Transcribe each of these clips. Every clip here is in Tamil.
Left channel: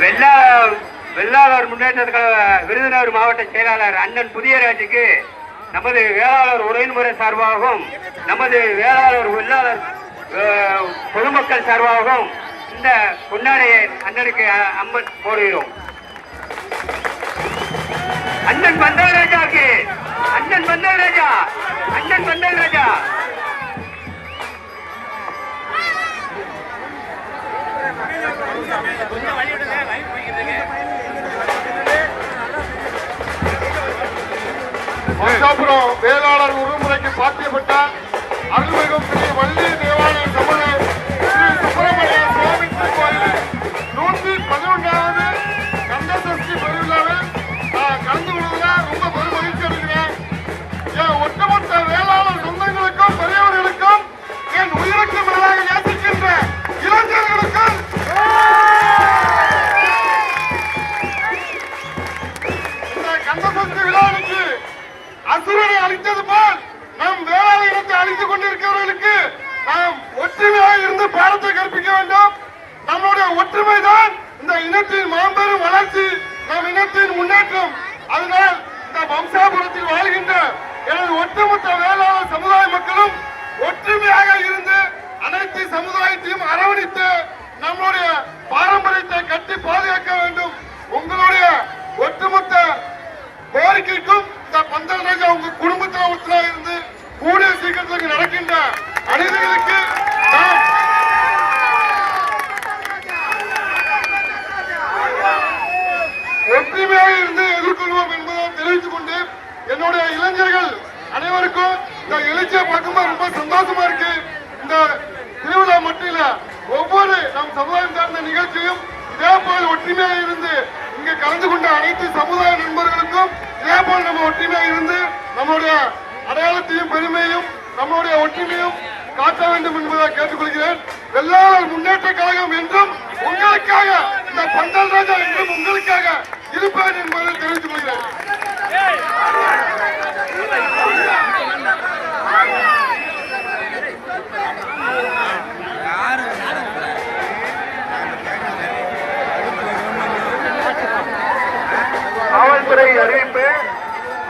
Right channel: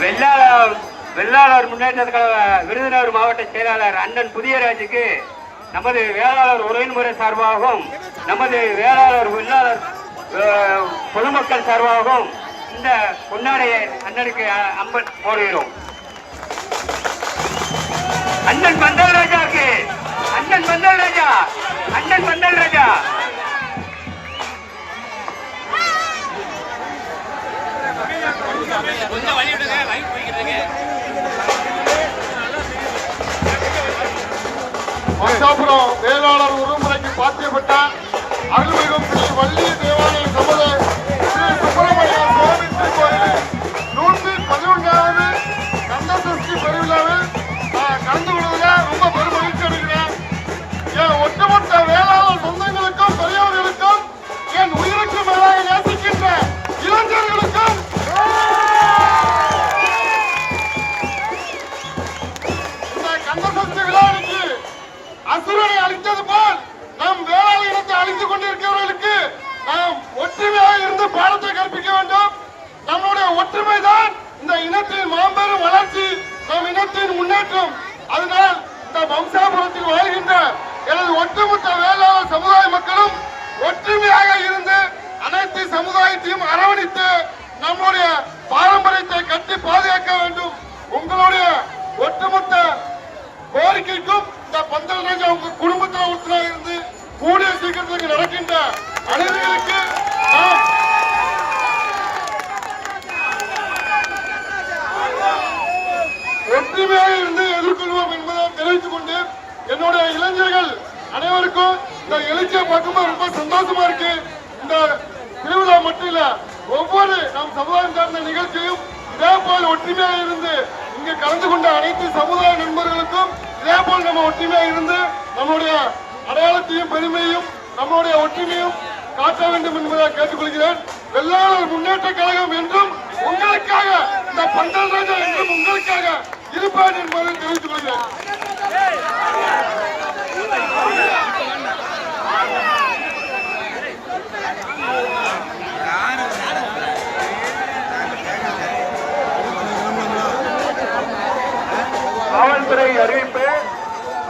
வெள்ளாளர் வெள்ளாளர் முன்னேற்றத்துக்காக விருதுநகர் மாவட்ட செயலாளர் அண்ணன் புதியராஜுக்கு நமது வேளாளர் உறவின்முறை சார்பாகவும் நமது வேளாளர் வெள்ளாளர் பொதுமக்கள் சார்பாகவும் இந்த பொன்னாடையை அண்ணனுக்கு அம்மன் போடுகிறோம் அண்ணன் பந்தராஜாக்கு அண்ணன் பந்தல் கொஞ்சம் வழி விடுங்க லைவ் போய்க்கிறதுங்க மசாபுரம் அழித்தது போல் நம் வேளாண் அழித்துக் கொண்டிருக்கிறவர்களுக்கு நாம் ஒற்றுமையாக இருந்து பாடத்தை கற்பிக்க வேண்டும். நம்முடைய ஒற்றுமை தான் இந்த இனத்தின் மாபெரும் வளர்ச்சி நம் இனத்தின் முன்னேற்றம். அதனால் இந்த வம்சாபுரத்தில் வாழ்கின்ற எனது ஒட்டுமொத்த வேளாண் சமுதாய மக்களும் ஒற்றுமையாக இருந்து அனைத்து சமுதாயத்தையும் அரவணைத்து நம்முடைய பாரம்பரியத்தை கட்டி பாதுகாக்க வேண்டும். உங்களுடைய ஒட்டுமொத்த கோரிக்கைக்கும் உங்க இருந்து கூடிய சீக்கிரத்துக்கு நடக்கின்ற அனைவருக்கு ஒற்றுமையாக இருந்து எதிர்கொள்வோம் என்பதை தெரிவித்துக் கொண்டு என்னுடைய இளைஞர்கள் அனைவருக்கும் இந்த எழுச்சியை பார்க்கும்போது ரொம்ப சந்தோஷமா இருக்கு. இந்த திருவிழா மட்டும் இல்ல ஒவ்வொரு நம் சமுதாயம் சார்ந்த நிகழ்ச்சியும் இதே போல் ஒற்றுமையாக இருந்து இங்க கலந்து கொண்ட அனைத்து சமுதாய அதே போல் நம்ம ஒற்றுமையா இருந்து நம்முடைய அடையாளத்தையும் பெருமையும் நம்முடைய ஒற்றுமையும் காட்ட வேண்டும் என்பதை கேட்டுக்கொள்கிறேன். வெள்ளாளர் முன்னேற்ற கழகம் என்றும் உங்களுக்காக இந்த பந்தல் ராஜா என்றும் உங்களுக்காக இருப்பேன் என்பதை தெரிவித்துக் கொள்கிறேன்.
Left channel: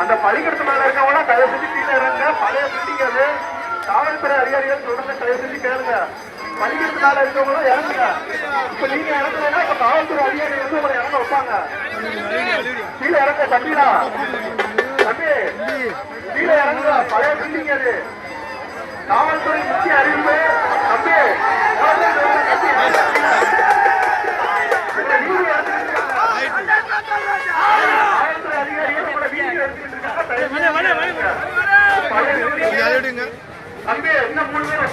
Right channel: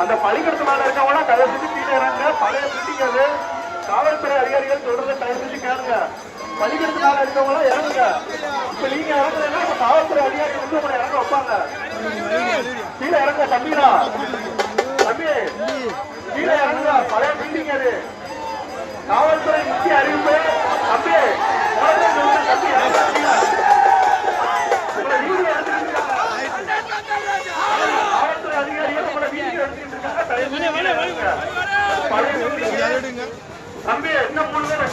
அந்த பள்ளிக்கூடத்து மேல இருக்கவங்க தயவு செஞ்சு கீழே இறங்க பழைய பில்டிங் அது. காவல்துறை அதிகாரிகள் சொல்றத தயவு செஞ்சு கேளுங்க. பள்ளிக்கூடத்து மேல இருக்கவங்க இறங்குங்க. இப்ப நீங்க இறங்குனா இப்ப காவல்துறை அதிகாரிகள் வந்து உங்களை இறங்க வைப்பாங்க. கீழே இறங்க தம்பிடா தம்பி கீழே இறங்குங்க. பழைய பில்டிங் அது காவல்துறை முக்கிய அறிவிப்பு தம்பி காவல்துறை அதிகாரிகள் உங்களை வீட்டுக்கு தம்பி என்ன மூணு பேர்